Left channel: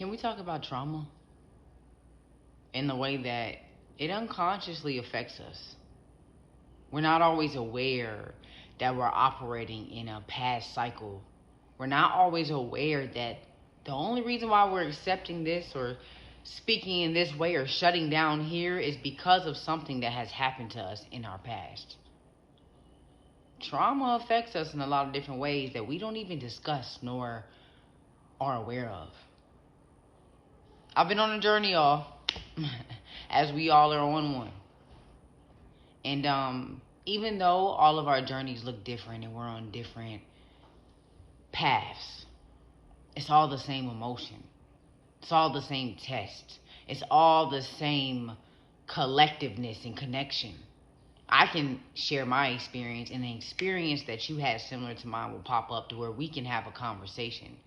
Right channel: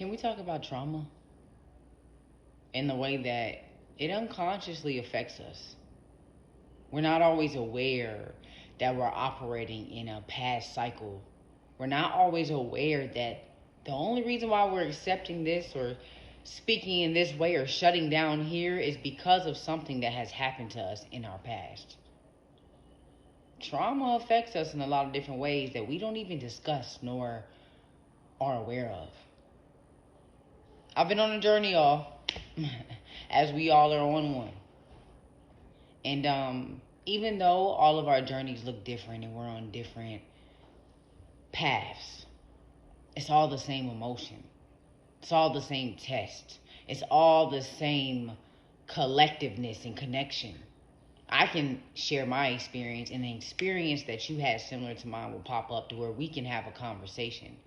Can we talk about trauma in the way that it unconsciously affects us? We're not always aware that we're operating in a past cycle. We're not always aware that the only reason why we're accepting this or speaking in this way or shutting down here is because of something that has happened to us in our past. Trauma affects us in a lot of different ways that we don't even discuss nor are aware of. I've been on a journey, y'all, as we all are on one. And even though all of our journeys look different and we're on different paths, it's all the same emotion. It's all the same test. It's all the same collectiveness and connection. I can share my experience, and the experience that you had similar to mine will pop up to where we can have a conversation.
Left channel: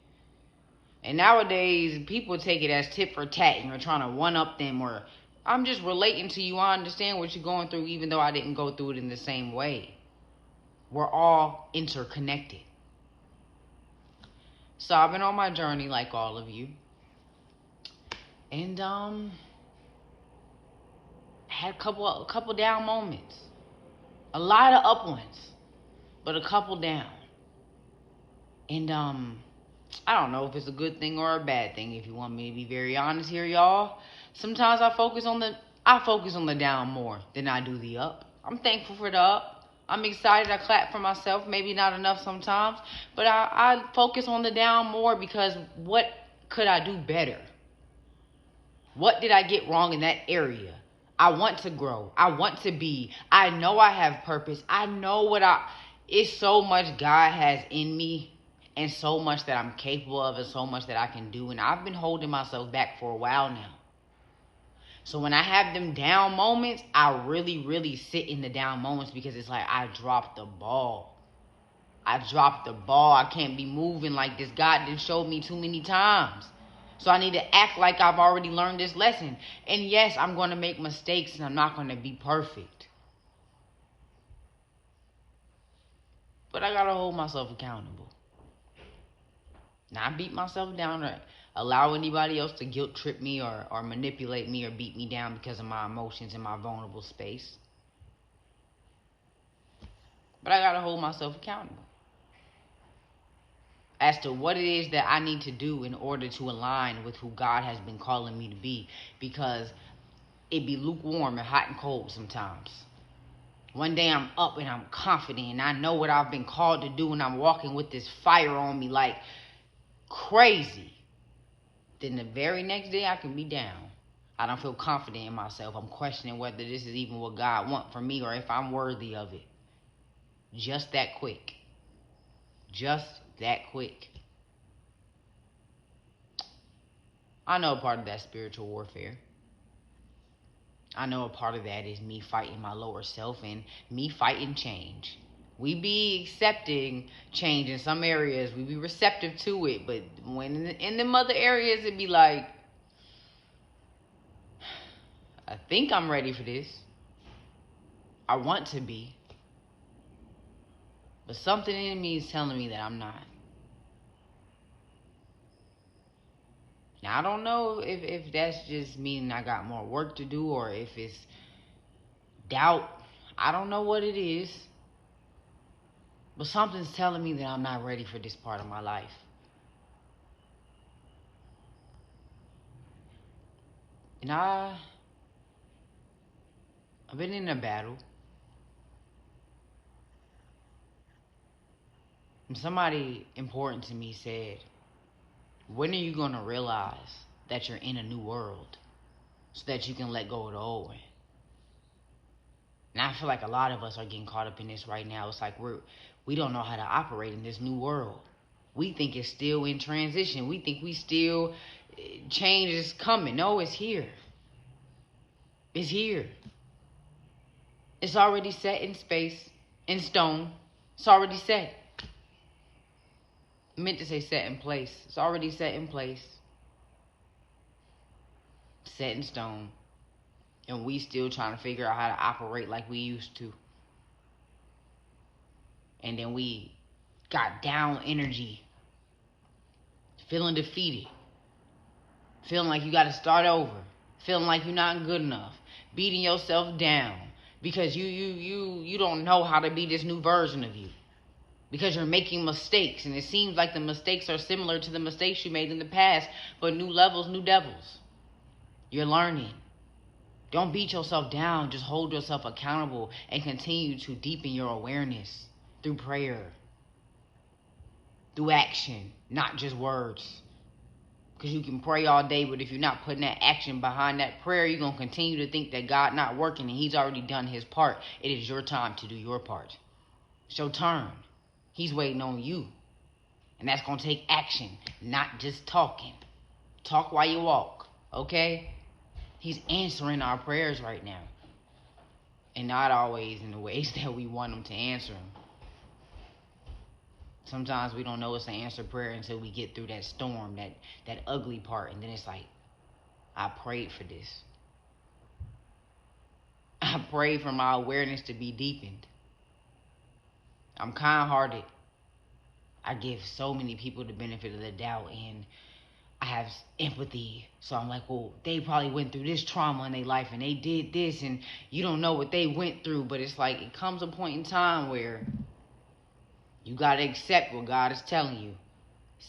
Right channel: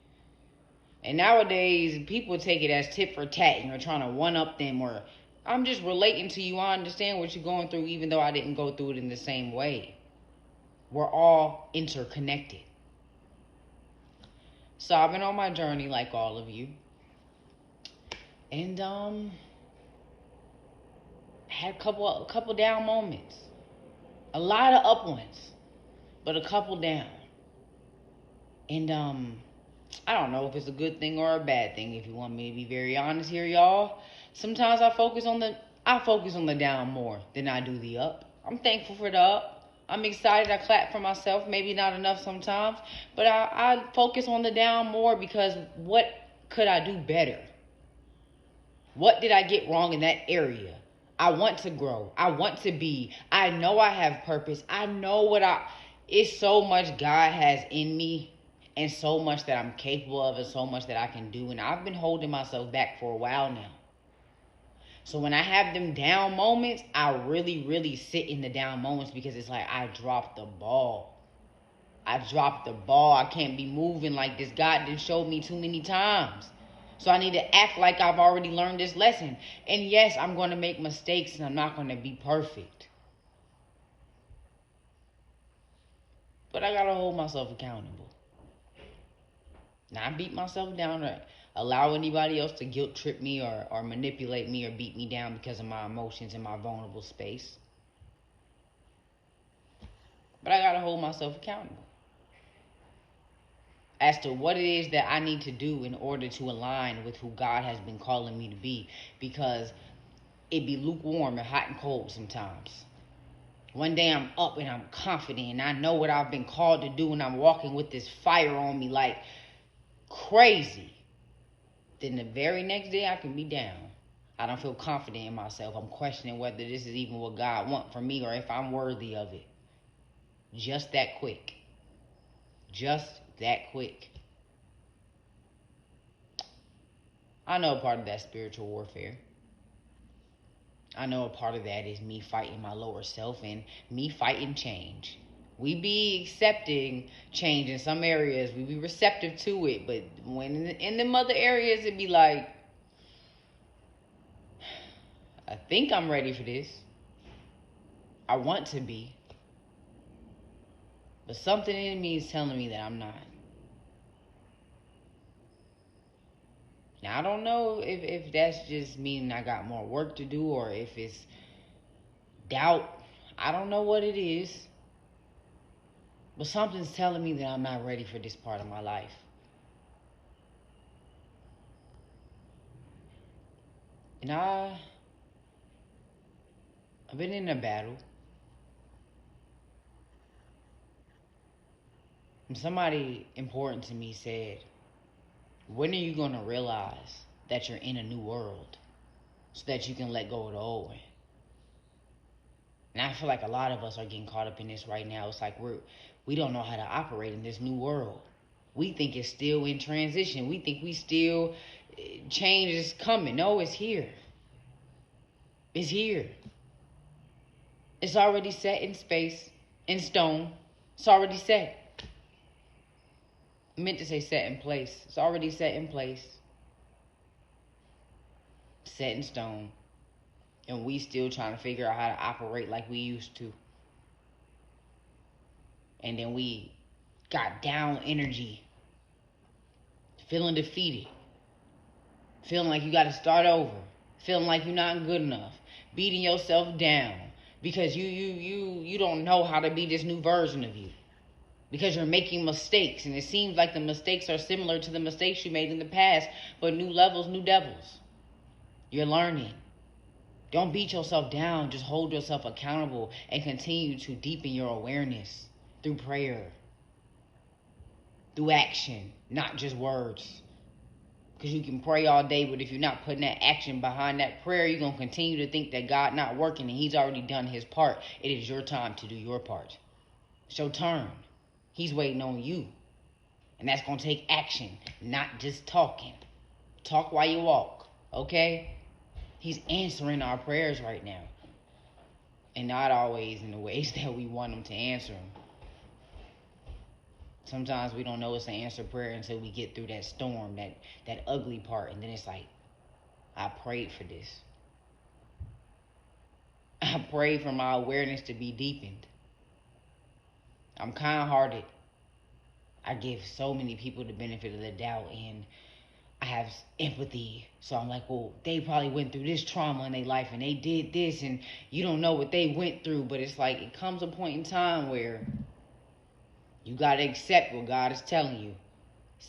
And nowadays, people take it as tit for tat and you're trying to one up them, or I'm just relating to you. I understand what you're going through, even though I didn't go through it in the same way. We're all interconnected. So I've been on my journey like all of you. And had a couple down moments. A lot of up ones, but a couple down. And I don't know if it's a good thing or a bad thing, if you want me to be very honest here, y'all. Sometimes I focus on the down more than I do the up. I'm thankful for the up. I'm excited. I clap for myself. Maybe not enough sometimes, but I focus on the down more because what could I do better? What did I get wrong in that area? I want to grow. I want to be. I know I have purpose. I know it's so much God has in me and so much that I'm capable of and so much that I can do. And I've been holding myself back for a while now. So when I have them down moments, I really, really sit in the down moments because it's like I dropped the ball. I dropped the ball. I can't be moving like this. God done showed me too many times. So I need to act like I've already learned this lesson. And yes, I'm going to make mistakes and I'm not going to be perfect. But I got to hold myself accountable. Not beat myself down or allow anybody else to guilt trip me or manipulate me or beat me down because of my emotions and my vulnerable space. But I got to hold myself accountable as to what it is that I need to do in order to align with who God has been calling me to be, because it be lukewarm and hot and cold sometimes. One day I'm up and I'm confident and I know what I've been called to do and I'm walking with this fire on me like crazy. Then the very next day I can be down. I don't feel confident in myself. I'm questioning whether this is even what God wants from me or if I'm worthy of it. Just that quick. Just that quick. I know a part of that spiritual warfare. I know a part of that is me fighting my lower self and me fighting change. We be accepting change in some areas. We be receptive to it. But when in them other areas, it be like, I think I'm ready for this. I want to be. But something in me is telling me that I'm not. Now, I don't know if that's just meaning I got more work to do or if it's doubt. I don't know what it is. But something's telling me that I'm not ready for this part of my life. And I've been in a battle. And somebody important to me said, when are you going to realize that you're in a new world so that you can let go of the old one? And I feel like a lot of us are getting caught up in this right now. It's like we don't know how to operate in this new world. We think it's still in transition. We think change is coming. No, it's here. It's here. It's already set in space, in stone. It's already set. I meant to say set in place. It's already set in place. Set in stone. And we still trying to figure out how to operate like we used to. And then we got down energy, feeling defeated. feeling like you got to start over, feeling like you're not good enough, beating yourself down because you don't know how to be this new version of you, because you're making mistakes, and it seems like the mistakes are similar to the mistakes you made in the past, but new levels, new devils. You're learning. Don't beat yourself down. Just hold yourself accountable and continue to deepen your awareness through prayer, through action, not just words. Because you can pray all day, but if you're not putting that action behind that prayer, you're going to continue to think that God not working and he's already done his part. It is your time to do your part. It's your turn. He's waiting on you. And that's going to take action, not just talking. Talk while you walk, okay? He's answering our prayers right now. And not always in the ways that we want him to answer them. Sometimes we don't know it's an answered prayer until we get through that storm, that ugly part. And then it's like, I prayed for this. I prayed for my awareness to be deepened. I'm kind-hearted. I give so many people the benefit of the doubt, and I have empathy. So I'm like, well, they probably went through this trauma in their life and they did this, and you don't know what they went through. But it's like, it comes a point in time where you got to accept what God is telling you,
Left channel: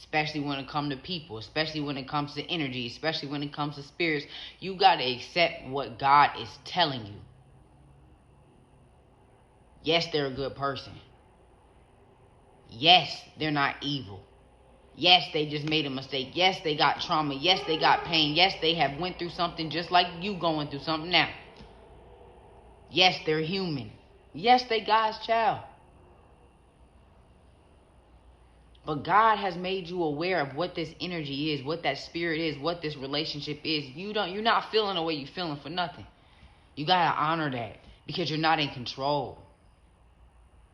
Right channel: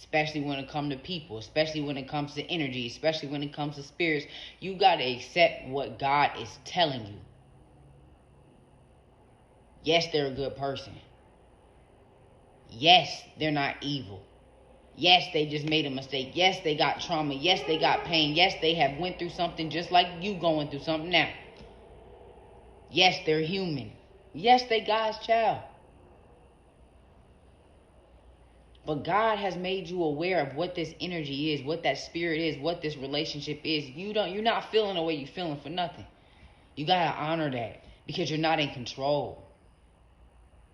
especially when it comes to people, especially when it comes to energy, especially when it comes to spirits. You got to accept what God is telling you. Yes, they're a good person. Yes, they're not evil. Yes, they just made a mistake. Yes, they got trauma. Yes, they got pain. Yes, they have went through something just like you going through something now. Yes, they're human. Yes, they God's child. But God has made you aware of what this energy is, what that spirit is, what this relationship is. You're not feeling the way you're feeling for nothing. You gotta honor that because you're not in control.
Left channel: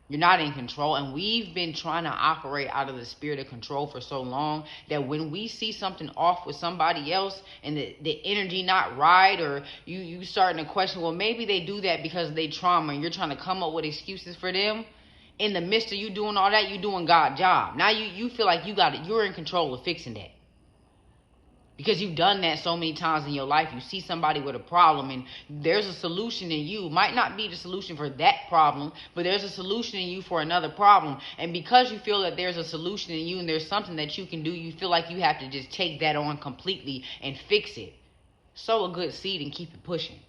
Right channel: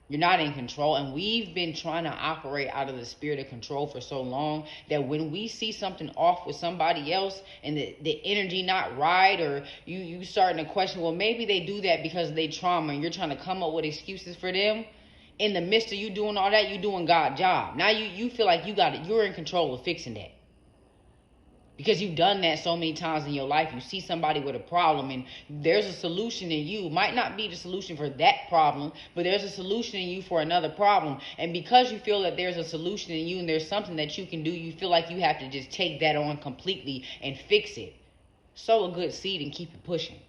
You're not in control, and we've been trying to operate out of the spirit of control for so long that when we see something off with somebody else and the energy not right, or you starting to question, well, maybe they do that because of their trauma, and you're trying to come up with excuses for them. In the midst of you doing all that, you're doing God's job. Now you feel like you're in control of fixing that. Because you've done that so many times in your life. You see somebody with a problem and there's a solution in you. Might not be the solution for that problem, but there's a solution in you for another problem. And because you feel that there's a solution in you and there's something that you can do, you feel like you have to just take that on completely and fix it. Sow a good seed and keep it pushing.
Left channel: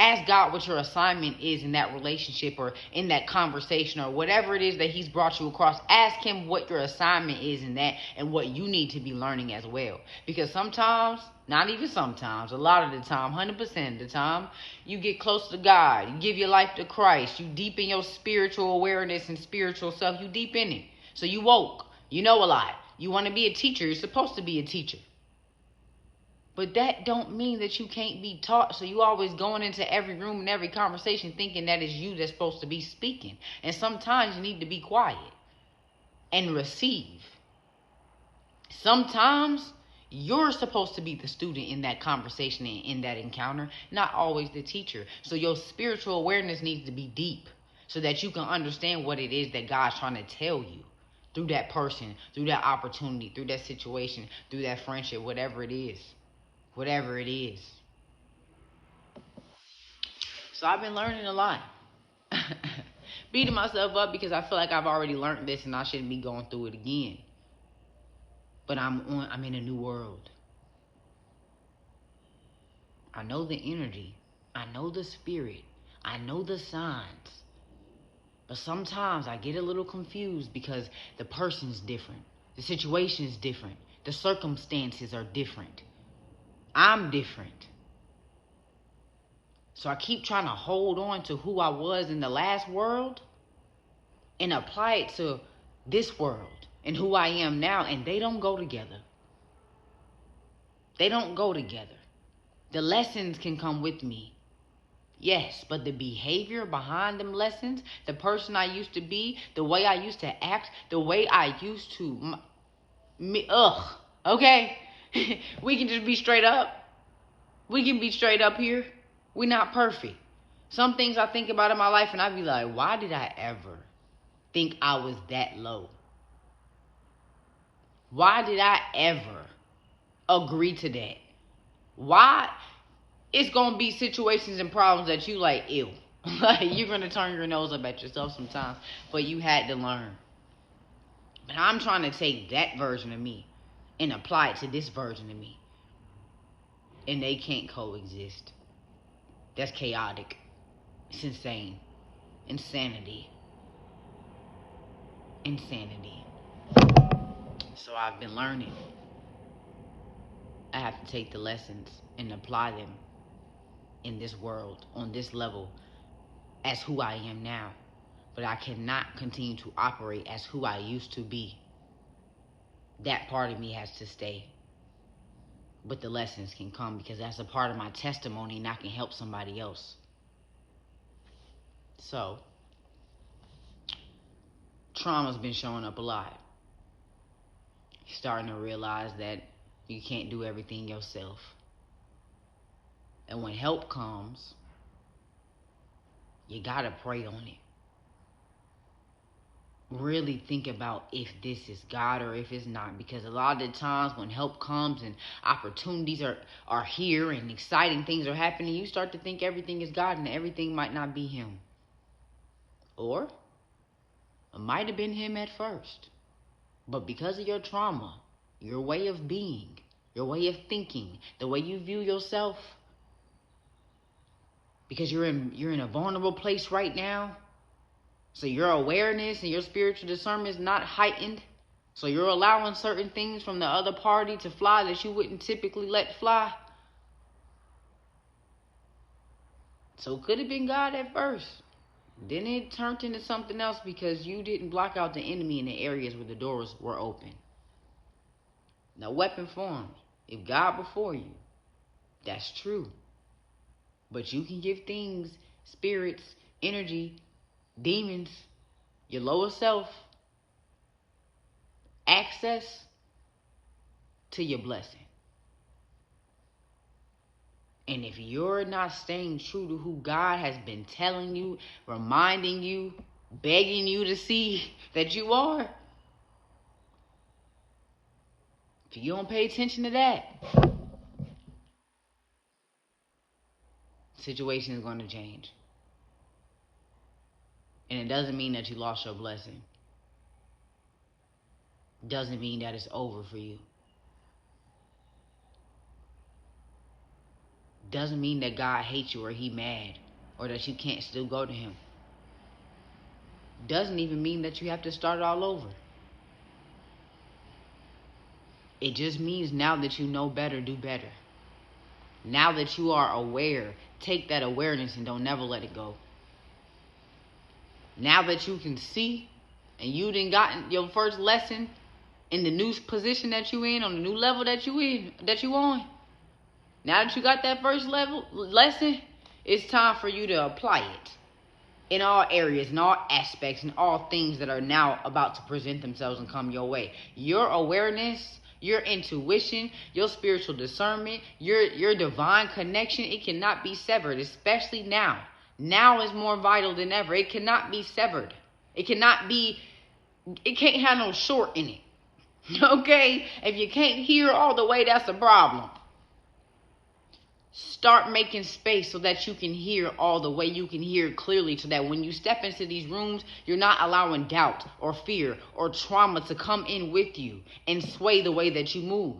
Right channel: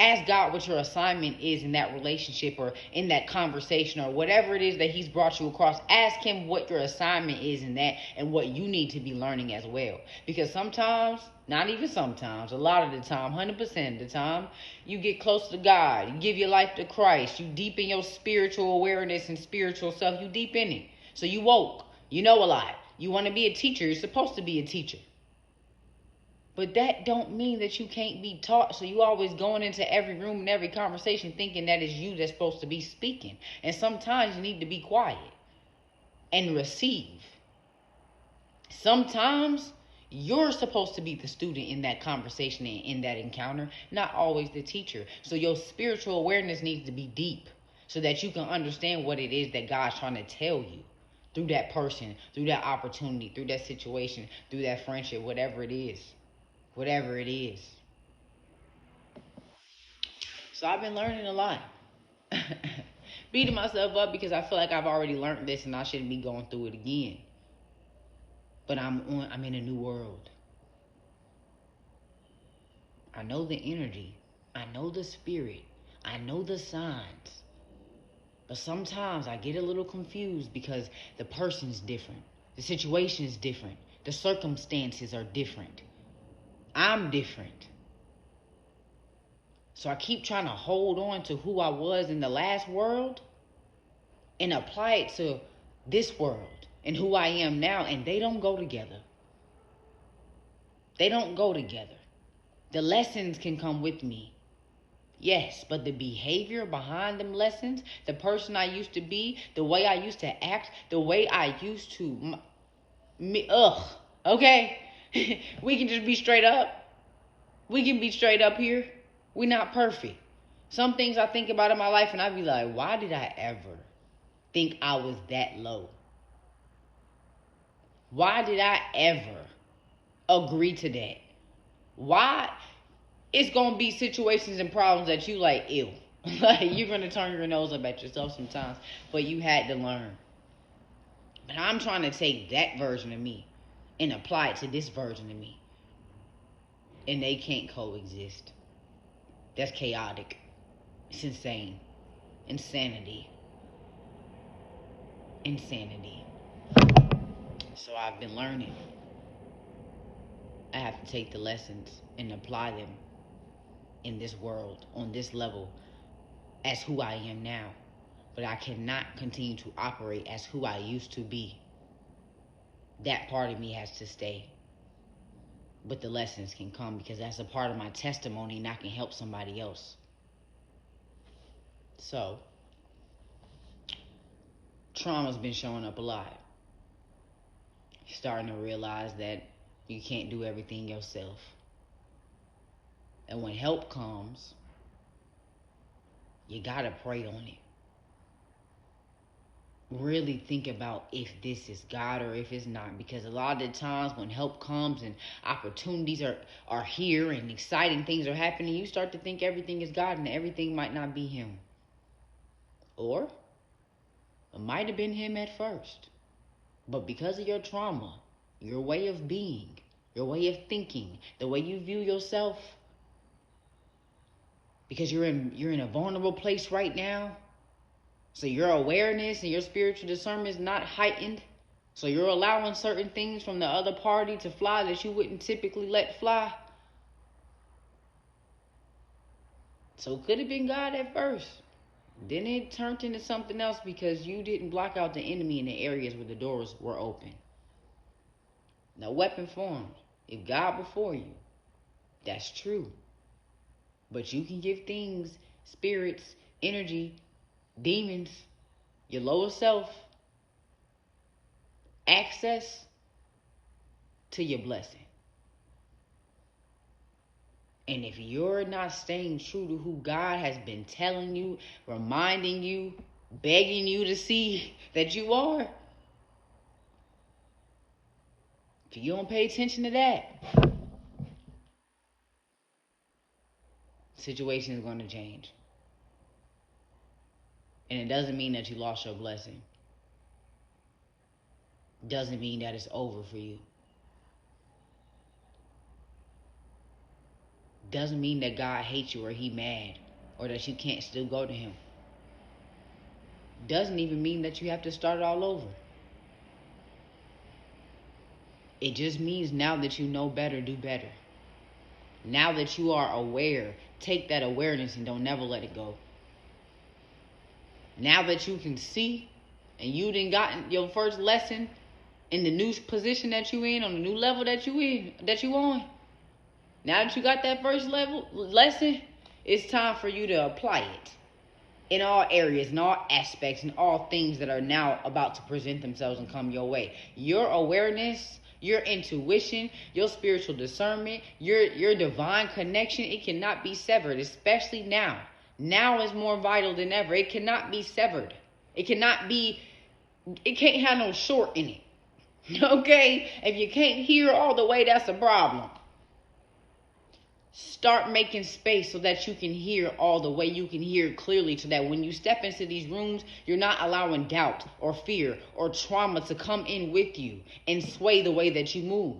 Ask God what your assignment is in that relationship or in that conversation or whatever it is that he's brought you across. Ask him what your assignment is in that and what you need to be learning as well. Because sometimes, not even sometimes, a lot of the time, 100% of the time, you get close to God. You give your life to Christ. You deepen your spiritual awareness and spiritual self. You deep in it. So you woke. You know a lot. You want to be a teacher. You're supposed to be a teacher. But that don't mean that you can't be taught. So you always going into every room and every conversation thinking that it's you that's supposed to be speaking. And sometimes you need to be quiet and receive. Sometimes you're supposed to be the student in that conversation and in that encounter, not always the teacher. So your spiritual awareness needs to be deep so that you can understand what it is that God's trying to tell you through that person, through that opportunity, through that situation, through that friendship, whatever it is. Whatever it is. So I've been learning a lot. Beating myself up because I feel like I've already learned this and I shouldn't be going through it again. But I'm in a new world. I know the energy. I know the spirit. I know the signs. But sometimes I get a little confused because the person's different. The situation's different. The circumstances are different. I'm different. So I keep trying to hold on to who I was in the last world and apply it to this world and who I am now. And they don't go together. They don't go together. The lessons can come with me. Yes, but the behavior behind them lessons, the person I used to be, the way I used to act, the way I used to... Okay? We can just be straight up. We can be straight up here. We're not perfect. Some things I think about in my life and I be like, why did I ever think I was that low? Why did I ever agree to that. Why? It's going to be situations and problems that you like, ew. Like, you're going to turn your nose up at yourself sometimes, but you had to learn. But I'm trying to take that version of me and apply it to this version of me. And they can't coexist. That's chaotic. It's insane. Insanity. So I've been learning. I have to take the lessons and apply them in this world, on this level, as who I am now. But I cannot continue to operate as who I used to be. That part of me has to stay. But the lessons can come because that's a part of my testimony and I can help somebody else. So, trauma's been showing up a lot. Starting to realize that you can't do everything yourself. And when help comes, you gotta pray on it. Really think about if this is God or if it's not. Because a lot of the times when help comes and opportunities are here and exciting things are happening, you start to think everything is God and everything might not be Him. Or it might have been Him at first. But because of your trauma, your way of being, your way of thinking, the way you view yourself, because you're in a vulnerable place right now, so your awareness and your spiritual discernment is not heightened. So you're allowing certain things from the other party to fly that you wouldn't typically let fly. So it could have been God at first. Then it turned into something else because you didn't block out the enemy in the areas where the doors were open. No weapon formed. If God before you, that's true. But you can give things, spirits, energy, demons, your lower self, access to your blessing. And if you're not staying true to who God has been telling you, reminding you, begging you to see that you are, if you don't pay attention to that, the situation is going to change. And it doesn't mean that you lost your blessing. It doesn't mean that it's over for you. It doesn't mean that God hates you or He mad or that you can't still go to Him. It doesn't even mean that you have to start all over. It just means now that you know better, do better. Now that you are aware, take that awareness and don't never let it go. Now that you can see and you done gotten your first lesson in the new position that you in, on the new level that you on. Now that you got that first lesson, it's time for you to apply it in all areas, in all aspects, in all things that are now about to present themselves and come your way. Your awareness, your intuition, your spiritual discernment, your divine connection, it cannot be severed, especially now. Now is more vital than ever. It cannot be severed. It can't have no short in it. Okay? If you can't hear all the way, that's a problem. Start making space so that you can hear all the way, you can hear clearly, so that when you step into these rooms, you're not allowing doubt or fear or trauma to come in with you and sway the way that you move.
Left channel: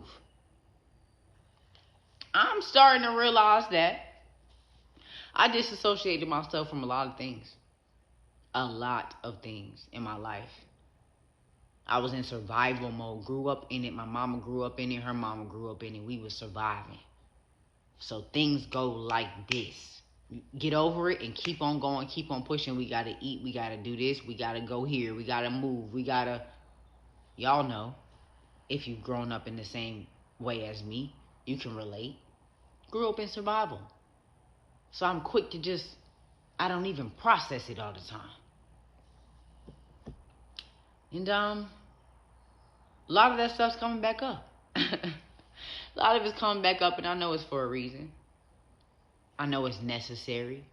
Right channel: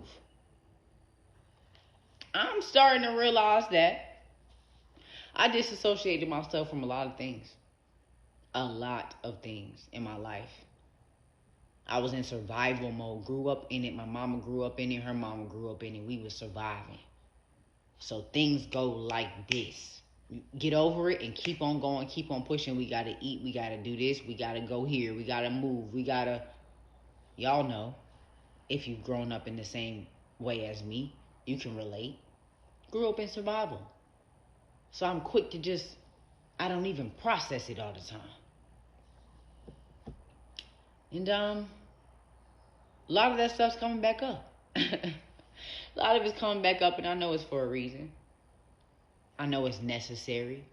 I'm starting to realize that I disassociated myself from a lot of things. A lot of things in my life. I was in survival mode, grew up in it. My mama grew up in it. Her mama grew up in it. We were surviving. So things go like this. Get over it and keep on going, keep on pushing. We got to eat. We got to do this. We got to go here. We got to move. Y'all know, if you've grown up in the same way as me, you can relate. Grew up in survival. So I'm quick to I don't even process it all the time. And a lot of that stuff's coming back up. A lot of it's coming back up, and I know it's for a reason. I know it's necessary.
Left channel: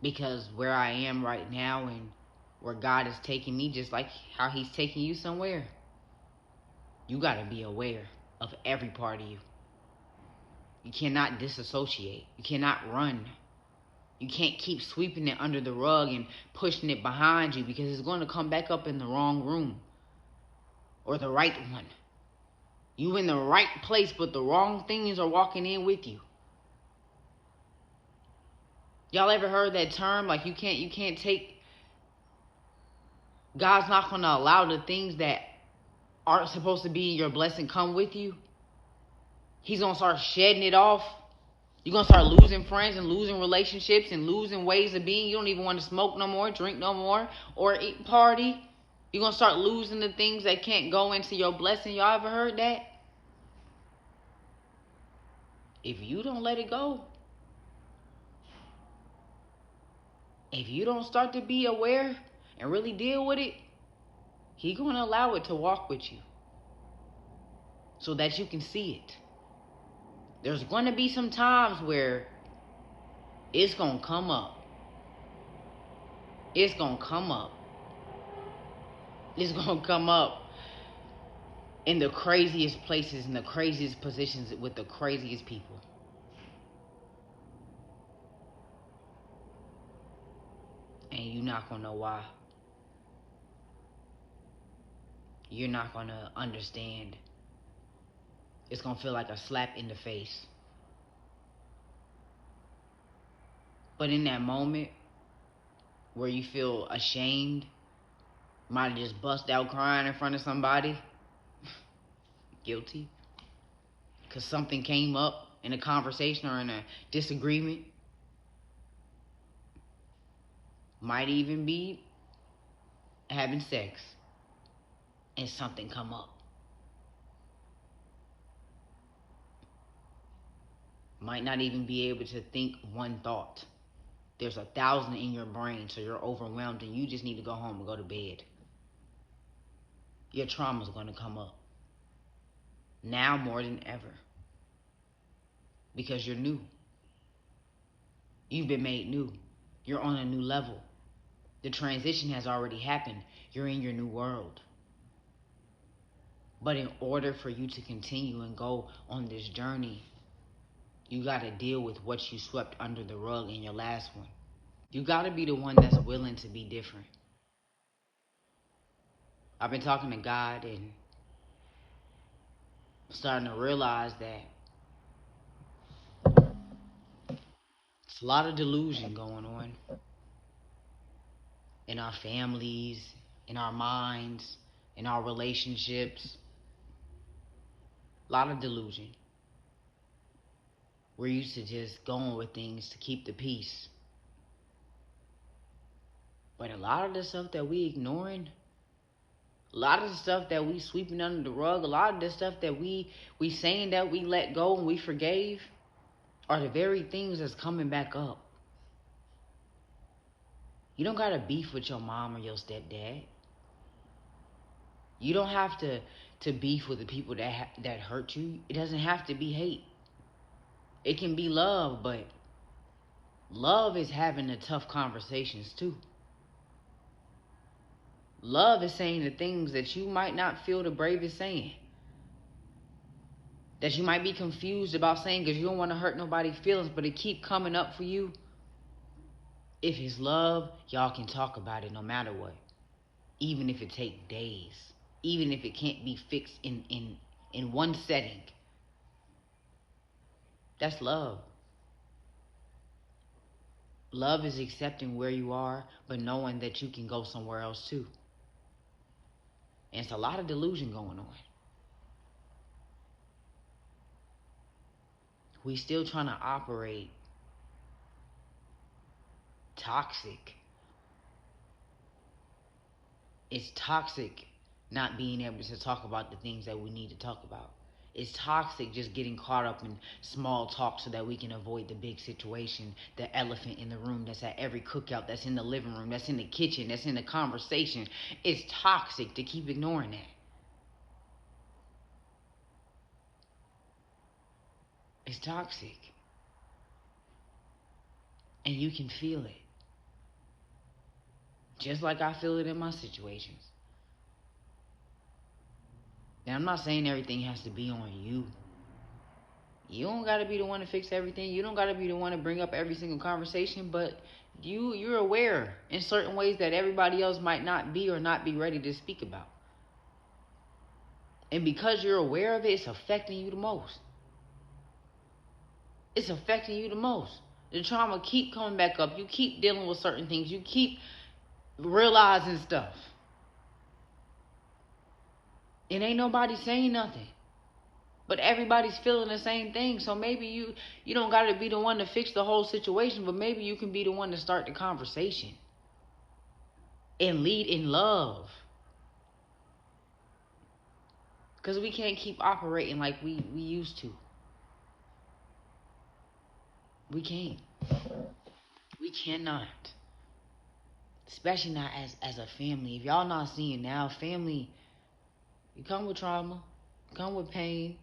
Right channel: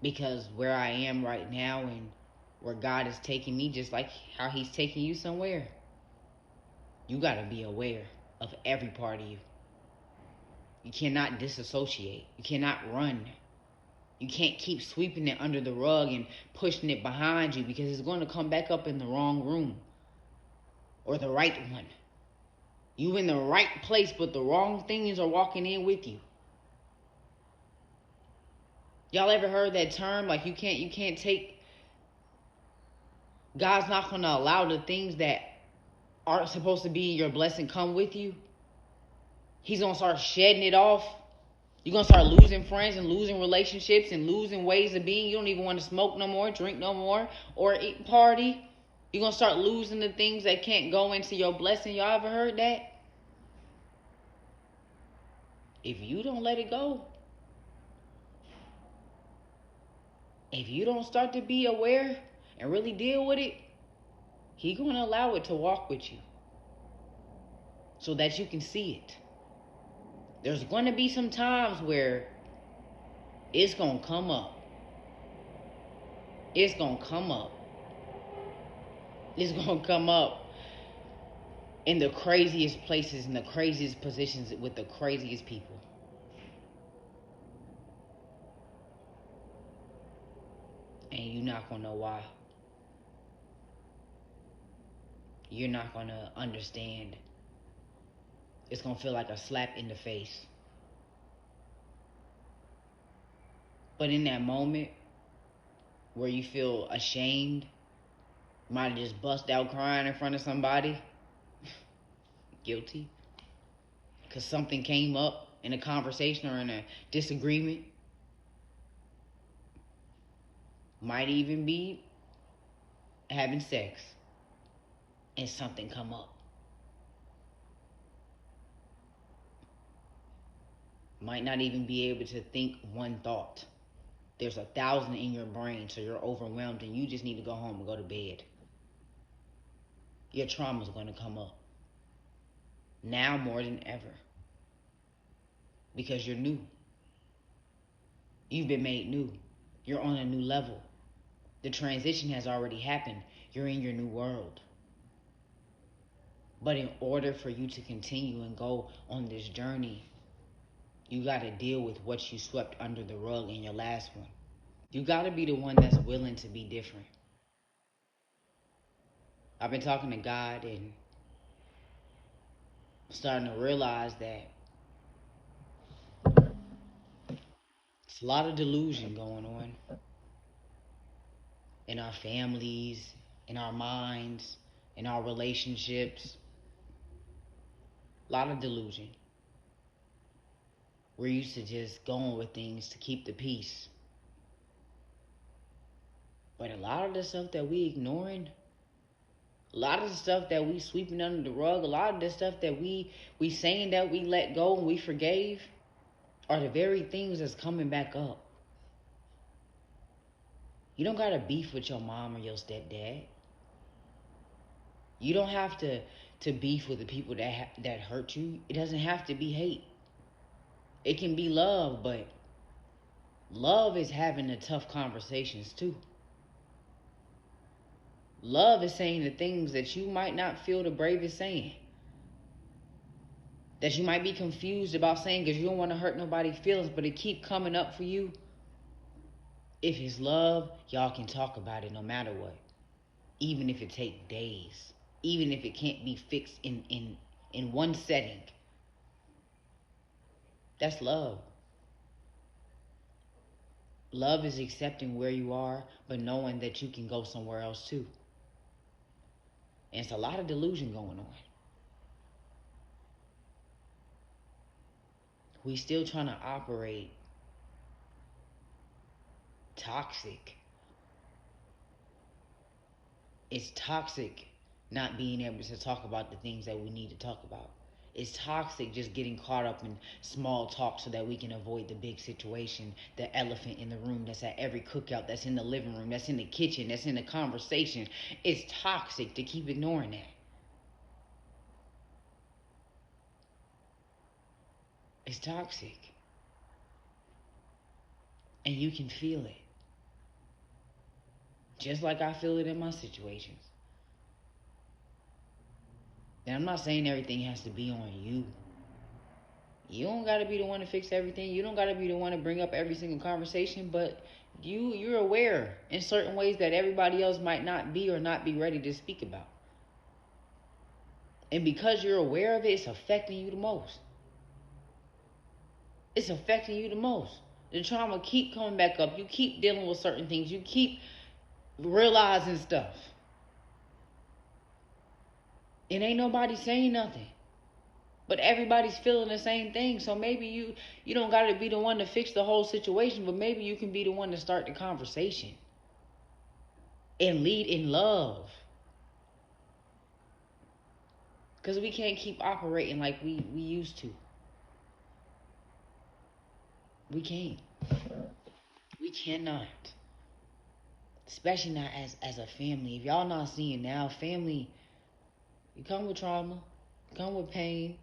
Because where I am right now and where God is taking me, just like how He's taking you somewhere. You got to be aware of every part of you. You cannot disassociate. You cannot run. You can't keep sweeping it under the rug and pushing it behind you, because it's going to come back up in the wrong room or the right one. You in the right place, but the wrong things are walking in with you. Y'all ever heard that term? Like you can't take, God's not going to allow the things that aren't supposed to be your blessing come with you. He's going to start shedding it off. You're going to start losing friends and losing relationships and losing ways of being. You don't even want to smoke no more, drink no more, or eat, party. You're going to start losing the things that can't go into your blessing. Y'all ever heard that? If you don't let it go, if you don't start to be aware and really deal with it, He's going to allow it to walk with you so that you can see it. There's going to be some times where it's going to come up. It's going to come up. It's going to come up in the craziest places, in the craziest positions, with the craziest people. And you're not going to know why. You're not going to understand. It's going to feel like a slap in the face. But in that moment where you feel ashamed, might have just bust out crying in front of somebody, guilty, because something came up in a conversation or in a disagreement. Might even be having sex and something come up. Might not even be able to think one thought. There's 1,000 in your brain, so you're overwhelmed and you just need to go home and go to bed. Your trauma's going to come up. Now more than ever. Because you're new. You've been made new. You're on a new level. The transition has already happened. You're in your new world. But in order for you to continue and go on this journey, you got to deal with what you swept under the rug in your last one. You got to be the one that's willing to be different. I've been talking to God and starting to realize that it's a lot of delusion going on in our families, in our minds, in our relationships. A lot of delusion. We're used to just going with things to keep the peace. But a lot of the stuff that we ignoring, a lot of the stuff that we sweeping under the rug, a lot of the stuff that we saying that we let go and we forgave, are the very things that's coming back up. You don't got to beef with your mom or your stepdad. You don't have to beef with the people that hurt you. It doesn't have to be hate. It can be love, but love is having the tough conversations too. Love is saying the things that you might not feel the bravest saying. That you might be confused about saying because you don't want to hurt nobody's feelings, but it keep coming up for you. If it's love, y'all can talk about it no matter what. Even if it takes days. Even if it can't be fixed in 1 second. That's love. Love is accepting where you are, but knowing that you can go somewhere else too. And it's a lot of delusion going on. We still trying to operate toxic. It's toxic not being able to talk about the things that we need to talk about. It's toxic just getting caught up in small talk so that we can avoid the big situation, the elephant in the room that's at every cookout, that's in the living room, that's in the kitchen, that's in the conversation. It's toxic to keep ignoring that. It's toxic. And you can feel it. Just like I feel it in my situations. And I'm not saying everything has to be on you. You don't gotta be the one to fix everything. You don't gotta be the one to bring up every single conversation, but you're aware in certain ways that everybody else might not be or not be ready to speak about. And because you're aware of it, it's affecting you the most. It's affecting you the most. The trauma keep coming back up. You keep dealing with certain things. You keep realizing stuff. And ain't nobody saying nothing. But everybody's feeling the same thing. So maybe you don't got to be the one to fix the whole situation, but maybe you can be the one to start the conversation. And lead in love. Because we can't keep operating like we used to. We can't. We cannot. Especially not as a family. If y'all not seeing now, family, you come with trauma, come with pain,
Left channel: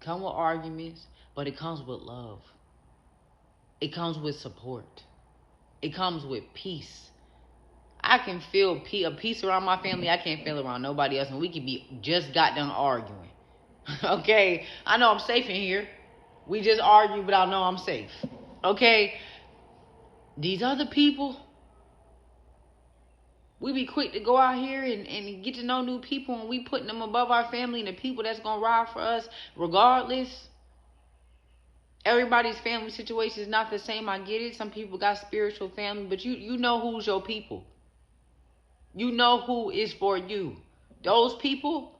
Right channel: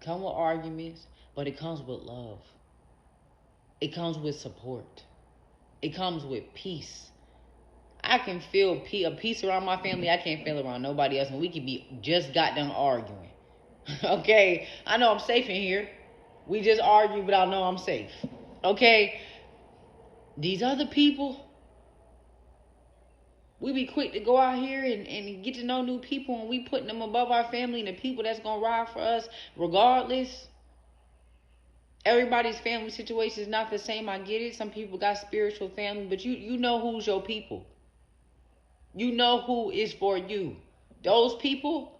come with arguments, but it comes with love. It comes with support. It comes with peace. I can feel a peace around my family. I can't feel around nobody else, and we could be just got done arguing. Okay, I know I'm safe in here. We just argue, but I know I'm safe. Okay, these other people, we be quick to go out here and get to know new people, and we putting them above our family and the people that's gonna ride for us regardless. Everybody's family situation is not the same. I get it. Some people got spiritual family, but you know who's your people. You know who is for you. Those people,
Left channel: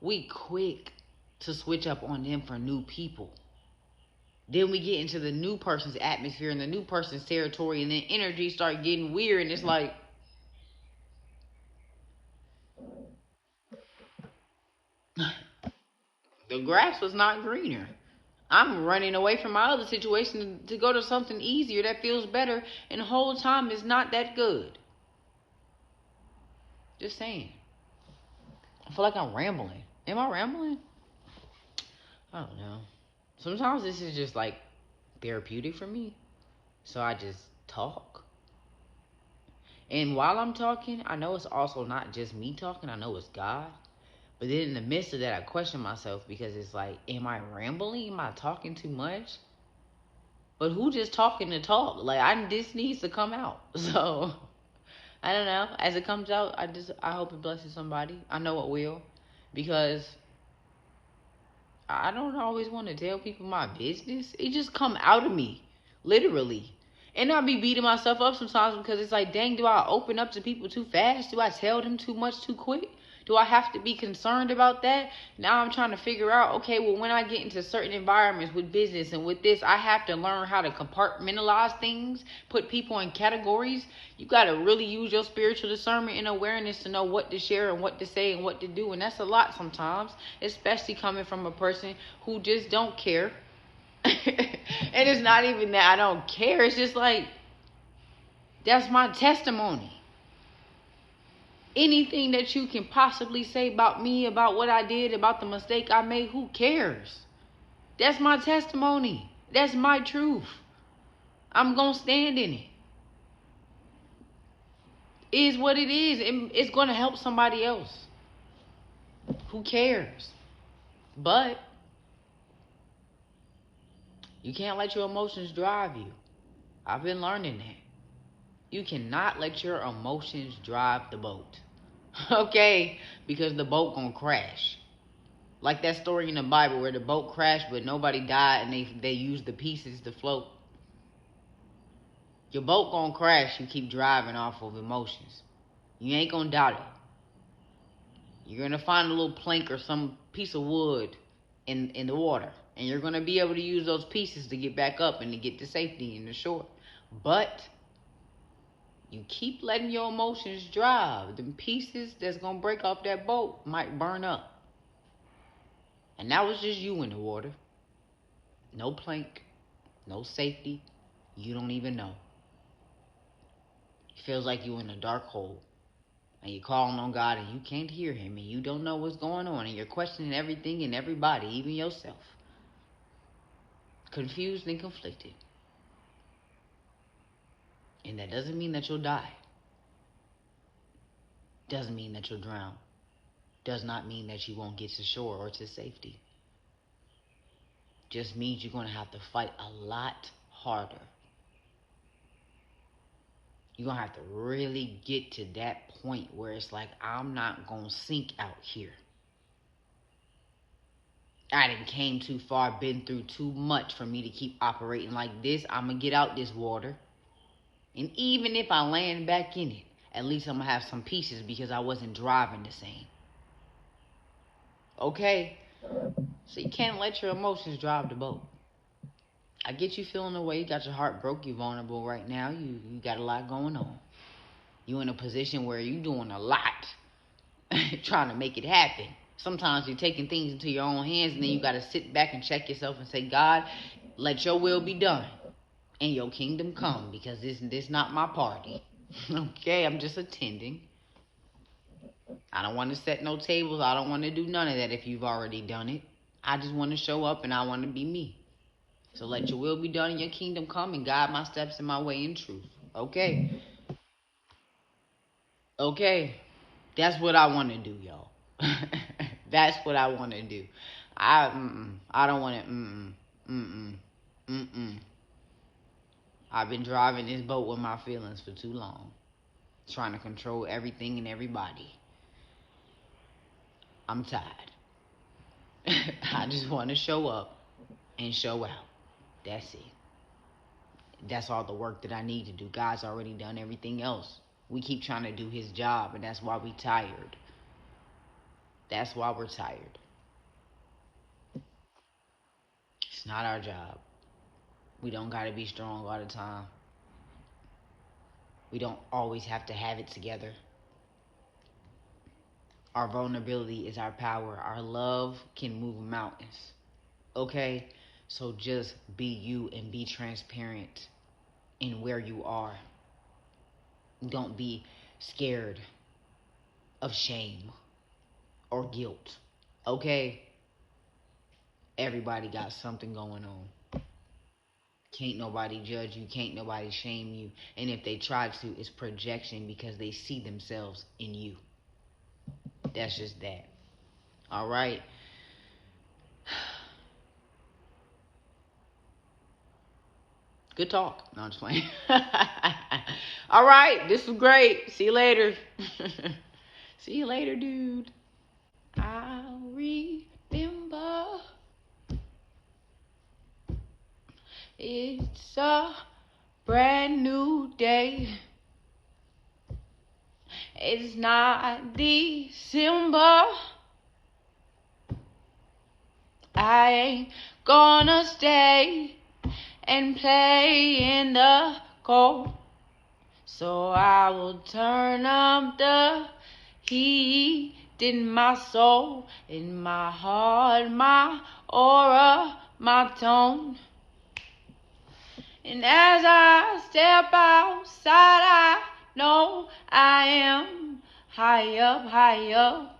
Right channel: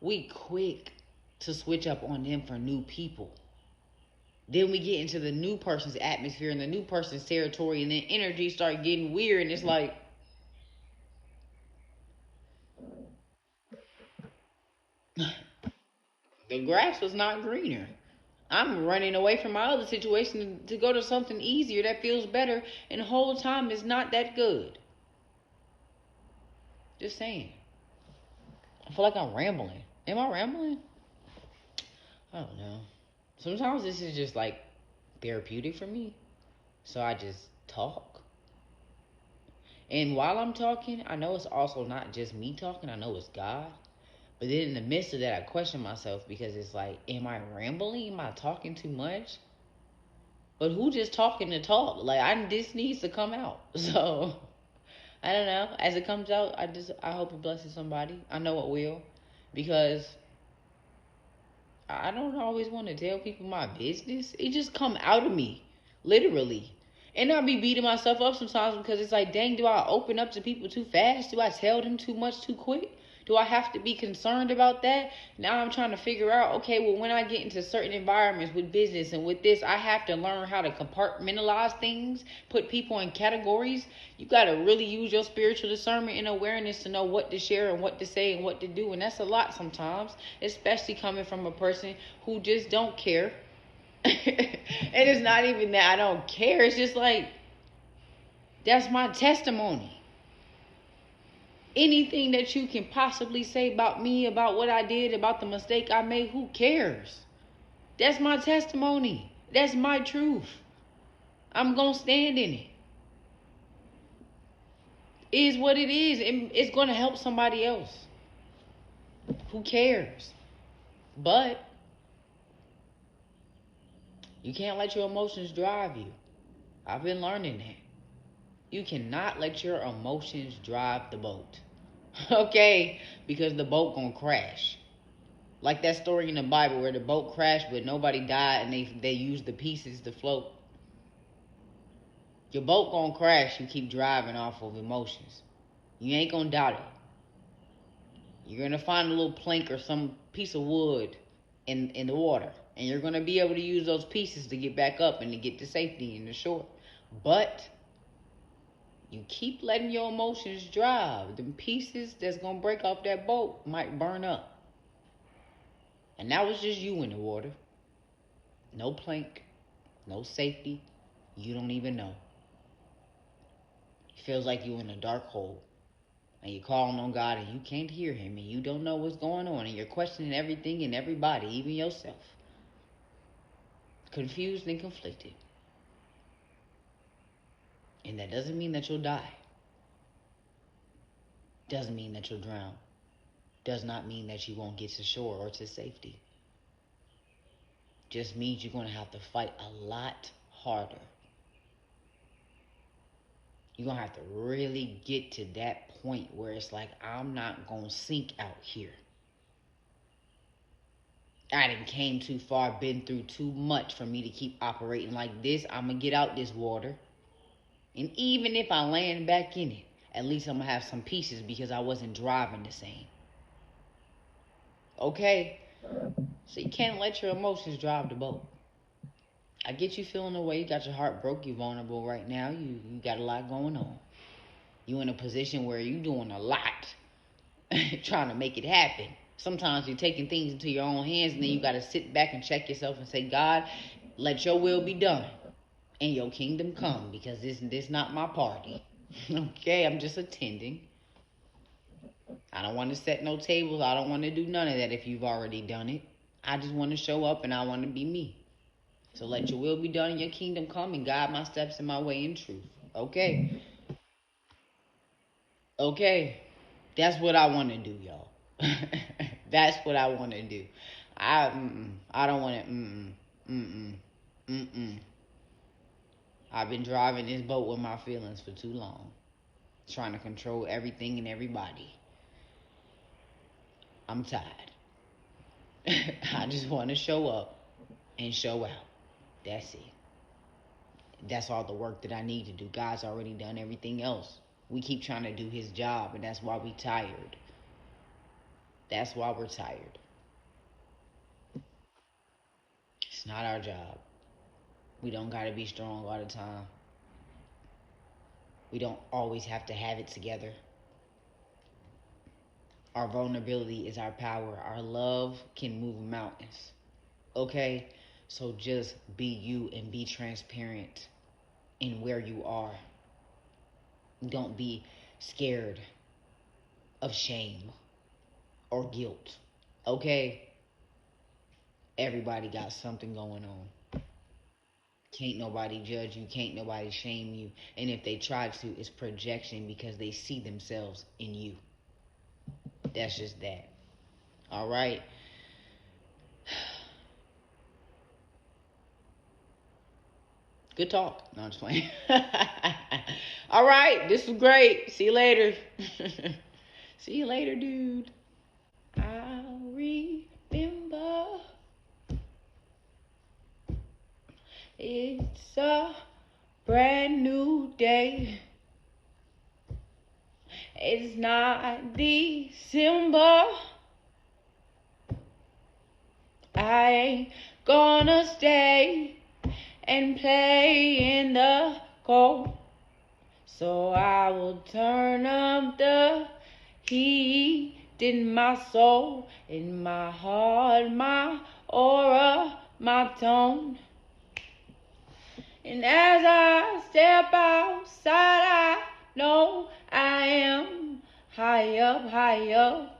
we quick to switch up on them for new people. Then we get into the new person's atmosphere and the new person's territory, and then energy start getting weird, and it's like, the grass was not greener. I'm running away from my other situation to go to something easier that feels better, and the whole time is not that good. Just saying. I feel like I'm rambling. Am I rambling? I don't know. Sometimes this is just like therapeutic for me. So I just talk. And while I'm talking, I know it's also not just me talking. I know it's God. But then in the midst of that, I question myself because it's like, am I rambling? Am I talking too much? But who just talking to talk? Like, this needs to come out. So, I don't know. As it comes out, I hope it blesses somebody. I know it will. Because I don't always want to tell people my business. It just come out of me. Literally. And I be beating myself up sometimes because it's like, dang, do I open up to people too fast? Do I tell them too much too quick? Do I have to be concerned about that? Now I'm trying to figure out, okay, well, when I get into certain environments with business and with this, I have to learn how to compartmentalize things, put people in categories. You got to really use your spiritual discernment and awareness to know what to share and what to say and what to do. And that's a lot sometimes, especially coming from a person who just don't care. And it's not even that I don't care. It's just like, that's my testimony. Anything that you can possibly say about me, about what I did, about the mistake I made, who cares? That's my testimony. That's my truth. I'm going to stand in it. It is what it is. And it's going to help somebody else. Who cares? But you can't let your emotions drive you. I've been learning that. You cannot let your emotions drive the boat. Okay? Because the boat gonna crash. Like that story in the Bible where the boat crashed but nobody died and they used the pieces to float. Your boat gonna crash. You keep driving off of emotions. You ain't gonna doubt it. You're gonna find a little plank or some piece of wood in the water. And you're gonna be able to use those pieces to get back up and to get to safety and the shore. But you keep letting your emotions drive. The pieces that's going to break off that boat might burn up. And that was just you in the water. No plank. No safety. You don't even know. It feels like you're in a dark hole. And you're calling on God and you can't hear him. And you don't know what's going on. And you're questioning everything and everybody, even yourself. Confused and conflicted. And that doesn't mean that you'll die. Doesn't mean that you'll drown. does not mean that you won't get to shore or to safety. Just means you're going to have to fight a lot harder. You're going to have to really get to that point where it's like, I'm not going to sink out here. I done came too far, been through too much for me to keep operating like this. I'm going to get out this water. And even if I land back in it, at least I'm going to have some pieces because I wasn't driving the same. Okay? So you can't let your emotions drive the boat. I get you feeling the way. You got your heart broke. You're vulnerable right now. You got a lot going on. You're in a position where you're doing a lot trying to make it happen. Sometimes you're taking things into your own hands, and then you got to sit back and check yourself and say, God, let your will be done and your kingdom come, because this not my party. Okay, I'm just attending. I don't want to set no tables. I don't want to do none of that if you've already done it. I just want to show up, and I want to be me. So let your will be done and your kingdom come, and guide my steps and my way in truth. Okay? Okay? That's what I want to do, y'all. That's what I want to do. I don't want to, I've been driving this boat with my feelings for too long. Trying to control everything and everybody. I'm tired. I just want to show up and show out. That's it. That's all the work that I need to do. God's already done everything else. We keep trying to do his job, and that's why we're tired. That's why we're tired. It's not our job. We don't got to be strong all the time. We don't always have to have it together. Our vulnerability is our power. Our love can move mountains. Okay? So just be you and be transparent in where you are. Don't be scared of shame or guilt. Okay? Everybody got something going on. Can't nobody judge you. Can't nobody shame you. And if they try to, it's projection because they see themselves in you. That's just that. All right? Good talk. No, I'm just playing. All right. This was great. See you later. See you later, dude. I'll remember. It's a brand new day. It's not December. I ain't gonna stay and play in the cold. So I will turn up the heat in my soul, in my heart, my aura, my tone. And as I step outside, I know I am high up, high up.